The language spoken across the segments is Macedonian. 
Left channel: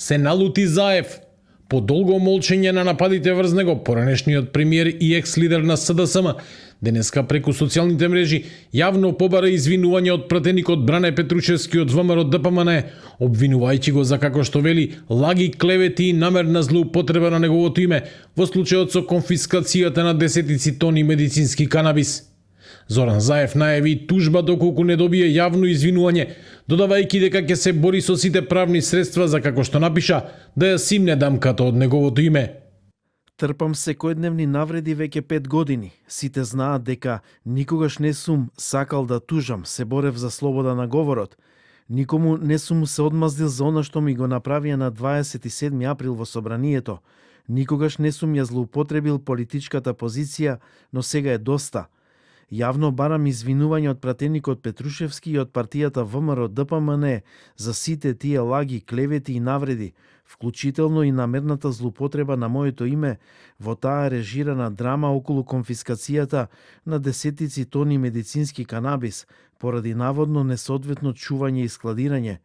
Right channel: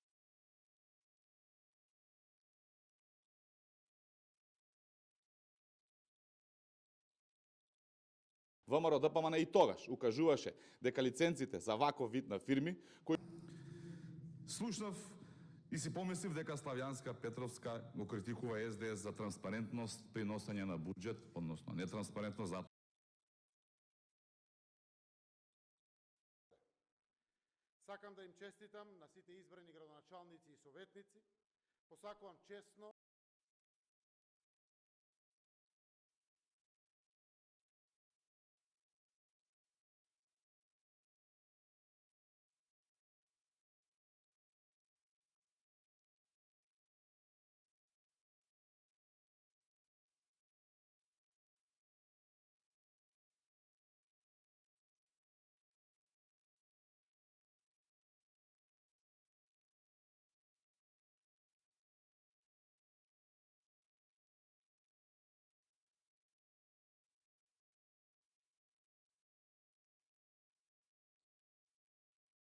Се налути Заев. По долго молчење на нападите врз него, поранешниот премиер и екс-лидер на СДСМ денеска преку социјалните мрежи јавно побара извинување од пратеникот Бране Петрушевски од ВМРО ДПМН, обвинувајќи го за, како што вели, лаги, клевети и намерна злоупотреба на неговото име во случајот со конфискацијата на десетици тони медицински канабис. Зоран Заев најави тужба доколку не добие јавно извинување, додавајќи дека ќе се бори со сите правни средства за, како што напиша, да ја симне дамката од неговото име. Трпам секојдневни навреди веќе 5 години. Сите знаат дека никогаш не сум сакал да тужам, се борев за слобода на говорот. Никому не сум се одмаздил за она што ми го направија на 27 април во собранието. Никогаш не сум ја злоупотребил политичката позиција, но сега е доста. Јавно барам извинување од пратеникот Петрушевски и од партијата ВМРО ДПМН за сите тие лаги, клевети и навреди, вклучително и намерната злоупотреба на моето име во таа режирана драма околу конфискацијата на десетици тони медицински канабис поради наводно несоодветно чување и складирање.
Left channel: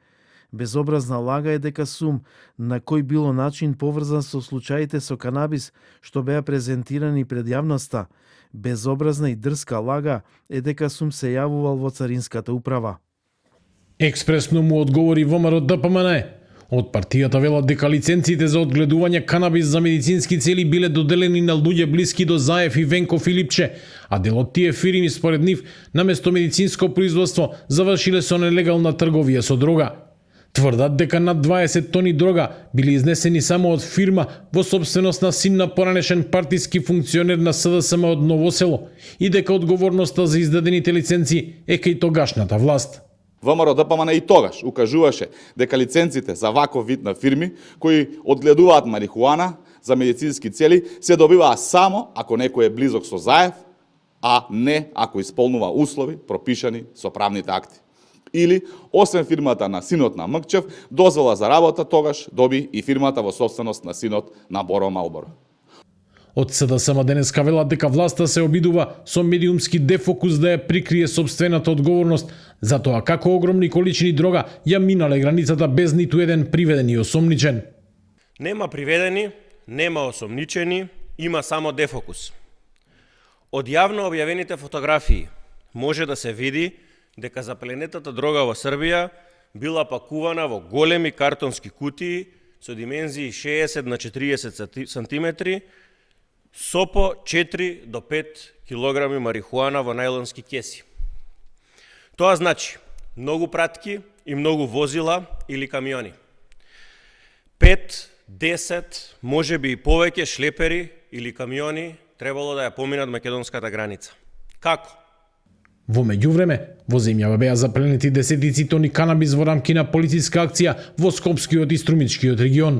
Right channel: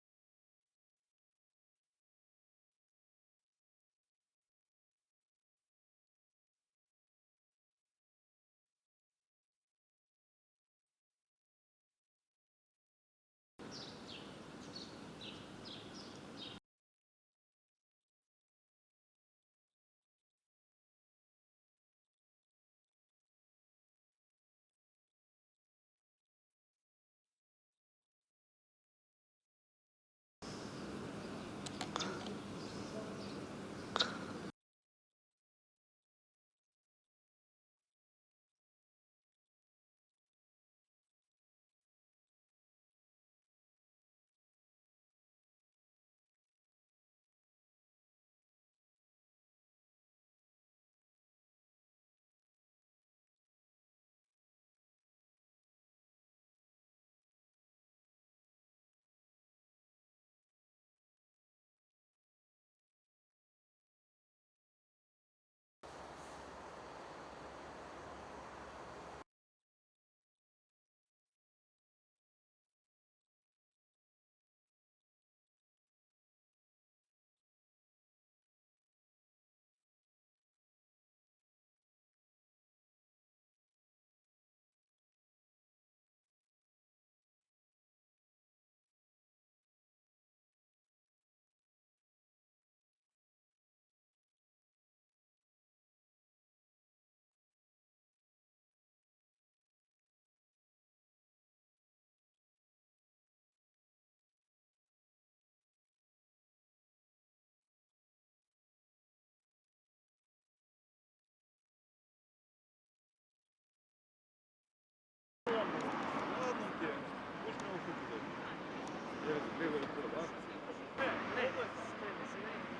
Безобразна лага е дека сум на кој било начин поврзан со случаите со канабис што беа презентирани пред јавноста. Безобразна и дрска лага е дека сум се јавувал во Царинската управа. Експресно му одговори ВМРО ДПМН. Од партијата велат дека лиценциите за одгледување канабис за медицински цели биле доделени на луѓе блиски до Заев и Венко Филипче, а дел од тие фирми според нив, наместо медицинско производство, завршиле со нелегална трговија со дрога. Тврдат дека над 20 тони дрога били изнесени само од фирма во собственост на син на поранешен партиски функционер на СДСМ од Ново село и дека одговорноста за издадените лиценци е кај тогашната власт. ВМРО ДПМН и тогаш укажуваше дека лиценците за ваков вид на фирми кои одгледуваат марихуана за медицински цели се добиваа само ако некој е близок со Заев, а не ако исполнува услови пропишани со правните акти. Или, освен фирмата на синот на Мкчев, дозвола за работа тогаш доби и фирмата во собственост на синот на Боро Малборо. Од СДСМ денеска велат дека власта се обидува со медиумски дефокус да ја прикрие собствената одговорност за тоа како огромни количини дрога ја минале границата без ниту еден приведен и осомничен. Нема приведени, нема осомничени, има само дефокус. Од јавно објавените фотографии може да се види дека запленетата дрога во Србија била пакувана во големи картонски кутии со димензии 60 на 40 сантиметри со по 4 до 5 килограми марихуана во најлонски кеси. Тоа значи многу пратки и многу возила или камиони. 5, 10, може би и повеќе шлепери или камиони требало да ја поминат македонската граница. Како? Во меѓувреме, во земјава беа запленети десетици тони канабис во рамки на полициска акција во Скопскиот и Струмичкиот регион.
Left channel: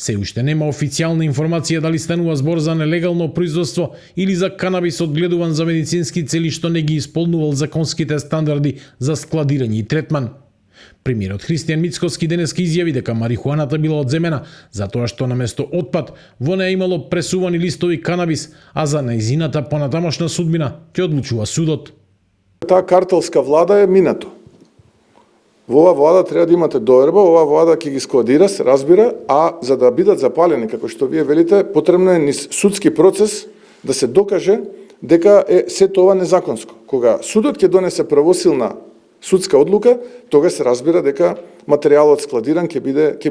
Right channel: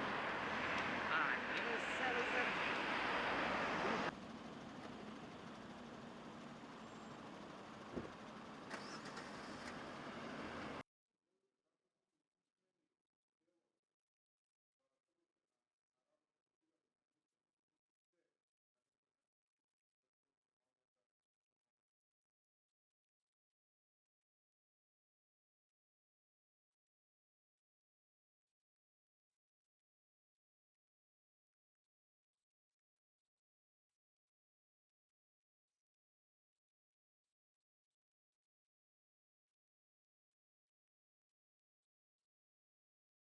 Се уште нема официјална информација дали станува збор за нелегално производство или за канабис одгледуван за медицински цели што не ги исполнувал законските стандарди за складирање и третман. Премиерот Христијан Мицкоски денеска изјави дека марихуаната била одземена затоа што наместо отпад во неа имало пресувани листови канабис, а за нејзината понатамошна судбина ќе одлучува судот. Таа картелска влада е минато. Во оваа влада треба да имате доверба, оваа влада ќе ги складира, се разбира, а за да бидат запалени, како што вие велите, потребно е низ судски процес да се докаже дека е сето ова незаконско. Кога судот ќе донесе правосилна судска одлука, тога се разбира дека материјалот складиран ќе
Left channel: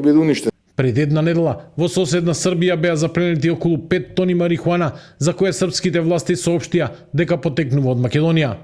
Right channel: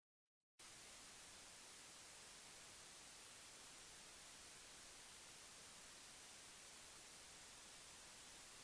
биде уништен. Пред една недела во соседна Србија беа запленети околу 5 тони марихуана за која српските власти соопштија дека потекнува од Македонија.